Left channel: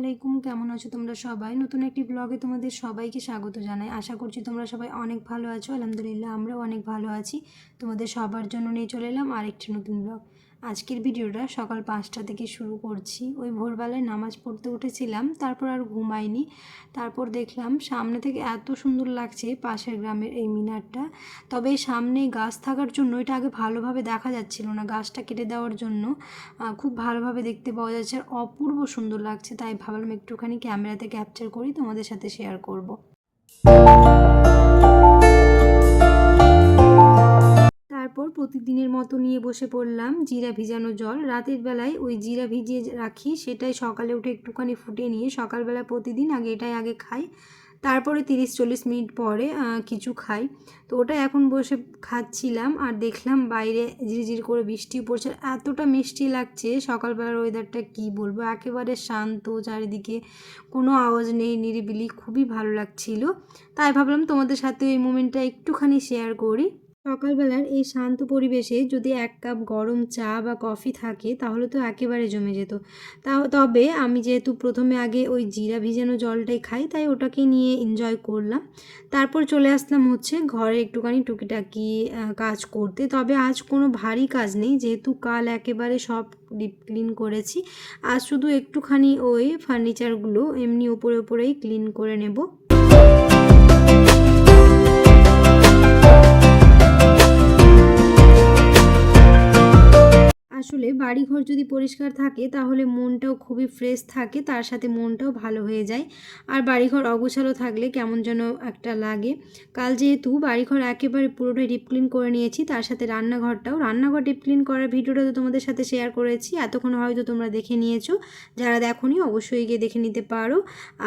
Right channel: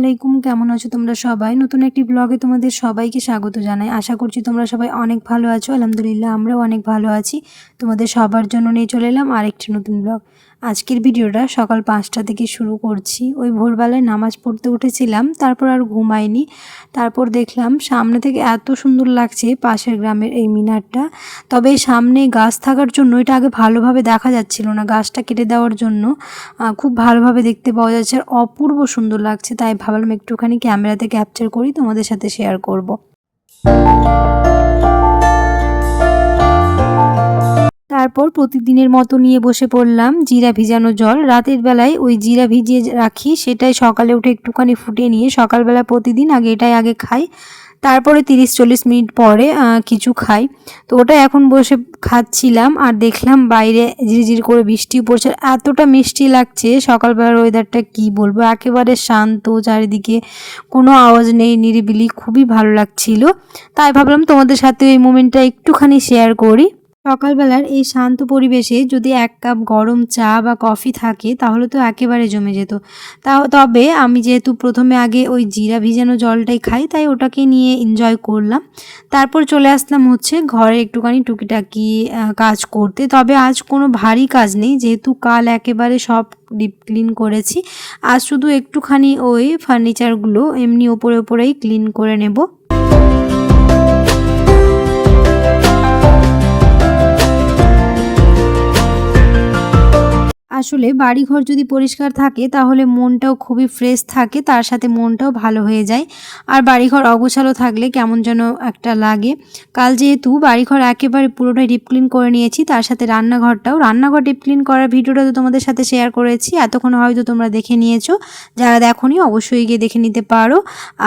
আলাইকুম, কেমন আছো তোমরা সবাই? নতুন একটি ব্লগে তোমাদের সবাইকে স্বাগত জানাই। আশা করছি তোমরা সবাই অনেক ভালো আছো। আলহামদুলিল্লাহ আমরাও অনেক ভালো আছি। তোমাদের সবার জন্য নিয়ে চলে এলাম আরেকটি নতুন ব্লগ। আজকের ভিডিওটা সকাল 5টা থেকে শুরু করছি। ওই ভোরবেলায় নামাজ পড়তে উঠেছিলাম, তারপর আর ঘুমাইনি। তারপর দেখলাম সামনে থেকে এত সুন্দর লাগছে পাশের গ্রামের এই মিনারটা। তবে সামনে গাছ থাকার জন্য এটা আগে ভালোভাবে দেখা যাচ্ছিল না, গাছটা কেটে দেওয়ার জন্য খুব ভালোভাবে দেখতে পাওয়া যাচ্ছে আর অপূর্ব সুন্দর লাগছে। তাই ভাবলাম একটুখানি ক্যামেরাতে ক্যাপচার করি, তোমাদের সাথে শেয়ার করব। তারপর প্রতিদিনের মতো নিয়ে বসে পড়লাম জিরা ভিজানো জল। রাতের বেলায় ওই জিরা ভিজিয়ে রাখি, সেটাই সকালে উঠে একটুখানি ফুটিয়ে নিয়ে সকালবেলা প্রতিদিন এটাই আগে খাই। তারপরে 30-40 মিনিট পরে কিছু খাই। তো ওটা এখন বসে খাচ্ছিলাম আর দেখলাম বাইরে ঝিরঝির করে বৃষ্টি পড়ছে। এতটা মিষ্টি লাগছে সকালবেলার ওয়েদারটা, কি বলবো, একেবারে শান্ত, চারিদিকে কোনো আওয়াজ নেই, নিরিবিলি, খুবই ভালো লাগছিল। তাই ভাবলাম তোমাদের সাথে এই মোমেন্টটা একটুখানি শেয়ার করি। সকালবেলার এই শান্ত পরিবেশে যদি 1 কাপ গরম চা বা কফি থাকে তাহলে তো একেবারে জমে যেত। তবে আমি যেহেতু প্রথমে আগে ওই জিরা ভিজানো জলটাই খাই, তাই ওটাকে নিয়ে এনজয় করলাম। তারপর চলে আসলাম ঘরে একটুখানি টুকিটাকি কাজ করতে। তবে আজ কোনো ভারী কাজ নেই, যেহেতু কাল একেবারে সব ডিপ ক্লিন করেছি। আজ শুধু একটুখানি ওই ফার্নিচারগুলো এমনি ওপরেই ক্লিন করে নেব। আসলে বাড়িঘর যদি পরিষ্কার থাকে তাহলে মনটাও খুবই ফ্রেশ থাকে, তার সাথে মনটাও ভালো হয়ে যায়। আর বাড়িঘর অগোছালো থাকলে কেমন যেন একটা লাগে। কাল যেহেতু বাড়িঘর একেবারে পুরোটাই ডিপ ক্লিন করে নিয়েছি, তার সাথে রান্নাঘর ডিপ ক্লিন করার ভিডিওটা তো তোমাদের সাথে শেয়ার করেছি, এতক্ষণ হয়তো তোমরা দেখে নিয়েছো। যারা দেখোনি অবশ্যই গিয়ে দেখে নিতে পারো।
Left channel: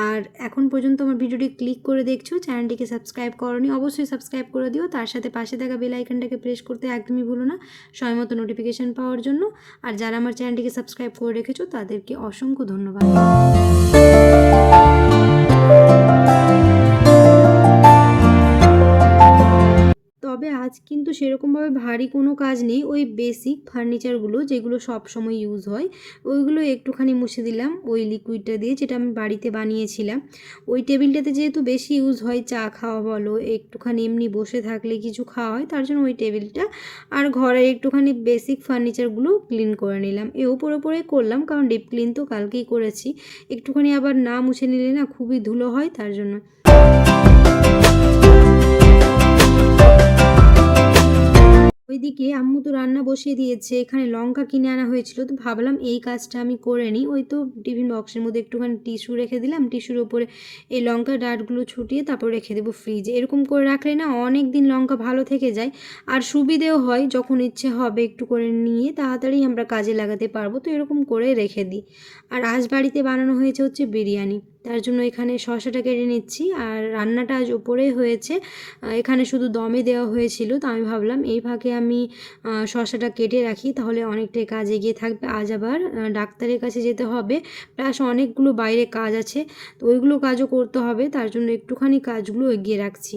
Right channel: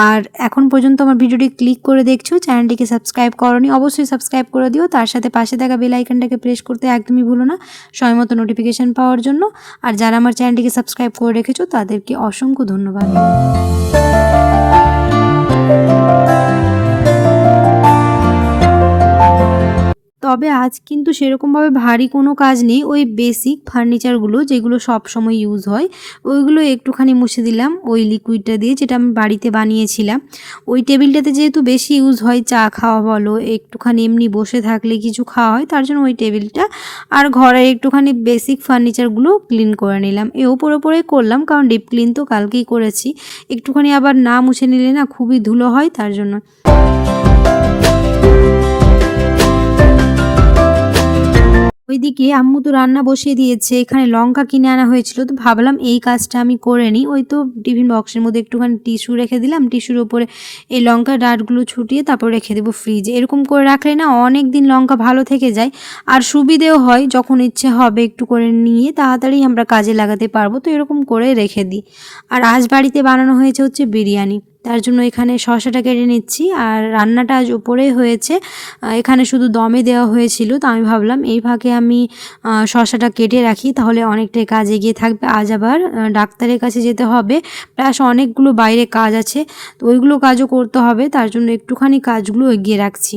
আর এখন পর্যন্ত আমার ভিডিওটি ক্লিক করে দেখছো, চ্যানেলটিকে সাবস্ক্রাইব করোনি, অবশ্যই সাবস্ক্রাইব করে দিও। তার সাথে পাশে থাকা বেল আইকনটাকে প্রেস করতে একদমই ভুলো না, সময়মতো নোটিফিকেশান পাওয়ার জন্য। আর যারা আমার চ্যানেলটিকে সাবস্ক্রাইব করে রেখেছো তাদেরকে অসংখ্য ধন্যবাদ। তবে আজ কিন্তু সেরকমভাবে ভারী কোনো কাজ নেই, ওই বেসিক ফার্নিচারগুলো যেগুলো সব সময় ইউজ হয় ওইগুলো একটুখানি মুছে দিলাম ওই লিকুইডটা দিয়ে, যেটা আমি বাড়িতে বানিয়েছিলাম। ওই টেবিলটাতে যেহেতু বেশি ইউজ হয়, চা খাওয়া বলো, একটুখানি এমনি বসে থাকলে কিছু খাওয়া হয়, তার জন্য ওই টেবিলটা আর ঘরের একটুখানি বেসিক ফার্নিচারগুলো ক্লিন করে নিলাম। ওপরে করলাম, কারণ ডিপ ক্লিন তো কালকেই করেছি। একটুখানি আবার না মুছে নিলে না খুবই ধুলো হয়, তার জন্য। ওইদিকে আম্মু তো রান্না বসিয়ে দিয়েছে, এখানে লঙ্কা কিনে আনা হয়েছিল, তো ভাবলাম এই কাজটা আমি করে নিই। ওই তো টিফিন বক্সের মধ্যে একটুখানি টিস্যু রেখে দিলাম, টিস্যুর ওপরে এই লঙ্কার ডাঁটগুলো ছুটিয়ে তারপর রেখে দেবো ফ্রিজে। এরকম করে রাখলে না অনেক দিন লঙ্কা ভালো থেকে যায়, আর সুবিধেও হয়, যখন ইচ্ছে হবে একটু করে নিয়ে তাড়াতাড়ি আমরা কাজে লাগাতে পারবো। তো এরকম করে রেখে দিই। আর আজ বাড়িতে বানানো হয়েছে বিরিয়ানি, তার জন্য এখানে শসাটা কেটে নিচ্ছি। আর রান্নাটা আজ উপরেই হয়েছে, এখানে শুধু দমে দেওয়া হয়েছিল। তো আমি ভাবলাম এই ফাঁকে আমি শসাটা কেটে রাখি, তাহলে অনেকটাই কাজ এগিয়ে থাকবে। আজ আবার ডাক্তারের কাছে যেতে হবে, প্লাস অনেকগুলো বাইরে কাজ আছে, তো ওইগুলো কাজও করতে হবে, তার জন্য একটুখানি কাজগুলো এগিয়ে রাখছি।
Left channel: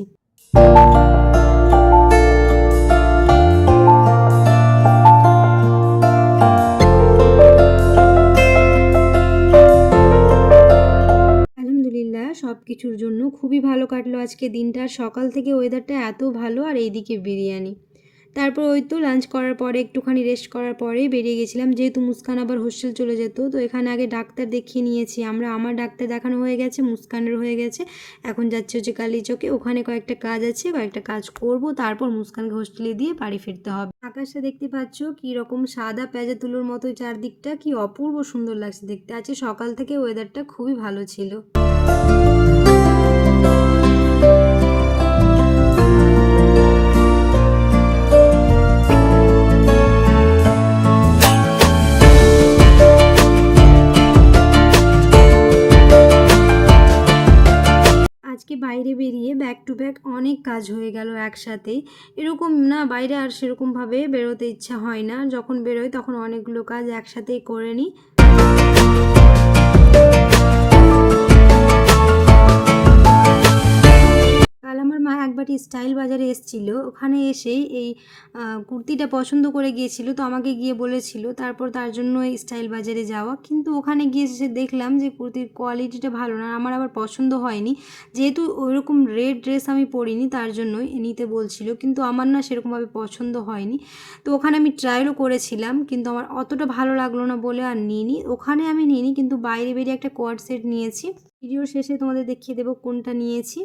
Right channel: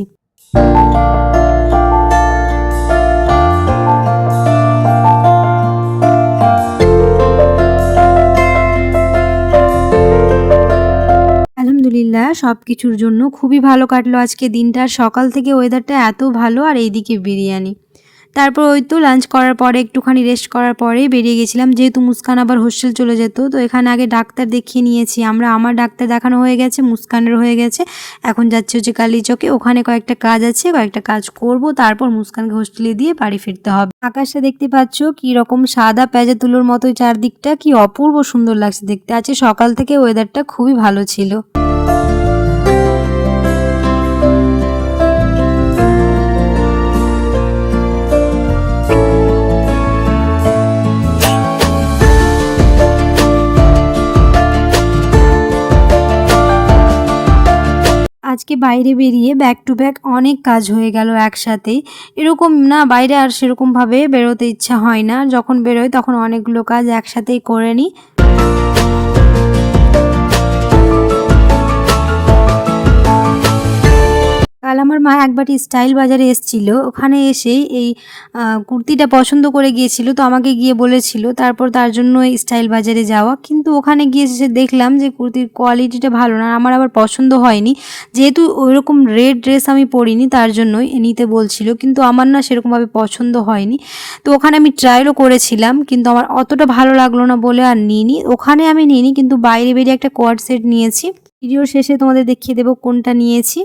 আলহামদুলিল্লাহ সব কিছুর জন্য খুবই ভালো কাটলো আজকে দিনটা। সকাল থেকে ওয়েদারটা এত ভালো, আর এইদিকে বিরিয়ানি। তারপর ওই তো লাঞ্চ করার পরে একটুখানি রেস্ট করার পরেই বেরিয়ে গেছিলাম, যেহেতু মুস্কান আবার হোস্টেল চলে যেত। তো এখানে আগে ডাক্তার দেখিয়ে নিয়েছি আমরা, আমার ডাক্তার দেখানো হয়ে গেছে, মুস্কানের হয়ে গেছে। এখন যাচ্ছি কালীচকে, ওখানে কয়েকটা কাজ আছে, কয়েকটা কাজ করব, তারপর মুস্কানকে হোস্টেলে দিয়ে বাড়ি ফিরতে হবে। আকাশটা দেখতে পাচ্ছ কি রকম সাদা পেঁজা তুলোর মতোই, চারদিকটা কি অপূর্ব সুন্দর লাগছে দেখতে। আছে সকাল থেকে ওয়েদারটা খুবই ভালো ছিল। আজকে বাইরে বেরিয়ে ব্যাক টু ব্যাক অনেক কাজ হয়ে গেল একসাথেই। এরকম না, বাইরে আর সেরকমভাবে বেরোতে ইচ্ছা হয় না, যখন বেরোয় তখন অনেকগুলো কাজ একসাথেই করে নিই। কাল আমার মা একবারটি স্টাইল বাজারে এসেছিল, ওখানে এসে এই কুর্তিটা পছন্দ করে গিয়েছিল, তো আমাকে গিয়ে বলেছিল, তারপর তার জন্য এই স্টাইল বাজারে যাওয়া। কিন্তু ওখানে গিয়ে এসে দেখলাম যে কুর্তির কোয়ালিটিটা ভালো না, আমার আবার পছন্দ হয়নি। যেহেতু ওইরকম রেড ড্রেস আমি পরিনি তার জন্যই নিতে বলছিল, কিন্তু আমার না সেরকমভাবে পছন্দ হয়নি। তো ওখানে আমি ট্রায়ালও করেছিলাম, কিন্তু আমার অতটা ভালো লাগলো না বলে আর নিইনি। ওখানে আমি নিইনি, কিন্তু বাইরে বেরিয়ে একটা কোয়ার্ড সেট নিয়েছি। ভিডিওর শেষে তোমাদের দেখিয়ে দেবো কোনটা নিয়েছি।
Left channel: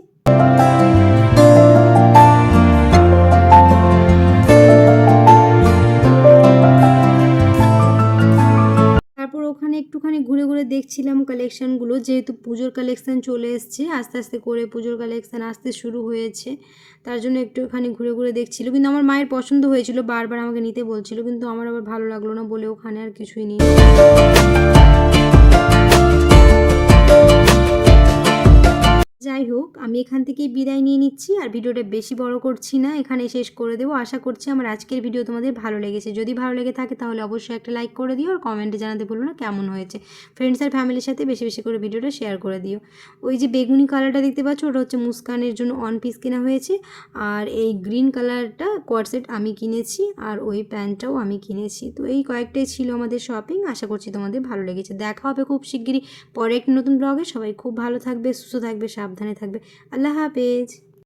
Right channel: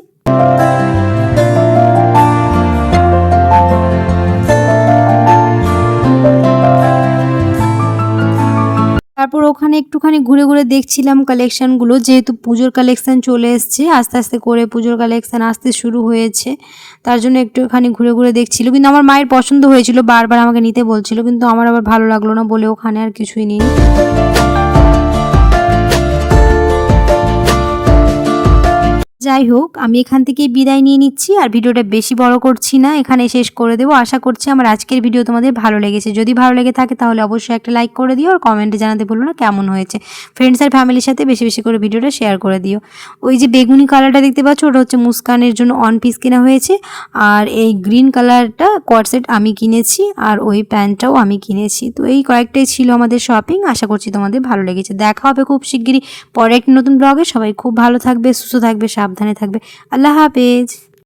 তারপর ওখানে একটুখানি ঘুরে ঘুরে দেখছিলাম কালেকশানগুলো, যেহেতু পুজোর কালেকশান চলে এসছে, আস্তে আস্তে করে পুজোর কালেকশান আসতে শুরু হয়েছে, তার জন্য একটুখানি ঘুরে ঘুরে দেখছিল। কিন্তু আমার মায়ের পছন্দ হয়েছিল, বারবার আমাকে নিতে বলছিল, কিন্তু আমার আবার ভালো লাগলো না বলে ওখানে আর কিছুই নিই। যাই হোক, আমি এখান থেকে বিদায় নিয়ে নিচ্ছি, আর ভিডিওটা বেশি বড় করছি না, এখানে শেষ করে দেবো। আশা করছি আমার আজকের ভিডিও তোমাদের ভালো লেগেছে। যদি ভালো লেগে থাকে তাহলে অবশ্যই একটা লাইক করে দিও, আর কমেন্টে জানাতে ভুলো না কেমন হয়েছে। ফ্রেন্ডস আর ফ্যামিলির সাথে বেশি বেশি করে ভিডিওটা শেয়ার করে দিও। ওই যে বেগুনি কালারটা দেখতে পাচ্ছ, ওটা হচ্ছে মুস্কানের জন্য অন পিস কেনা হয়েছে, আর এই গ্রিন কালারটা কোয়ার্ড আমি কিনেছি, আর ওই প্যান্টটাও আমি কিনেছি। তো এই কয়েকটাই ছিল আমাদের শপিং। আশা করছি তোমাদের ভালো লেগেছে। দেখা হবে খুব শিগগিরই পরে একটা নতুন ব্লগে। সবাই খুব ভালো থাকবে, সুস্থ থাকবে, সাবধানে থাকবে। আল্লাহ হাফেজ।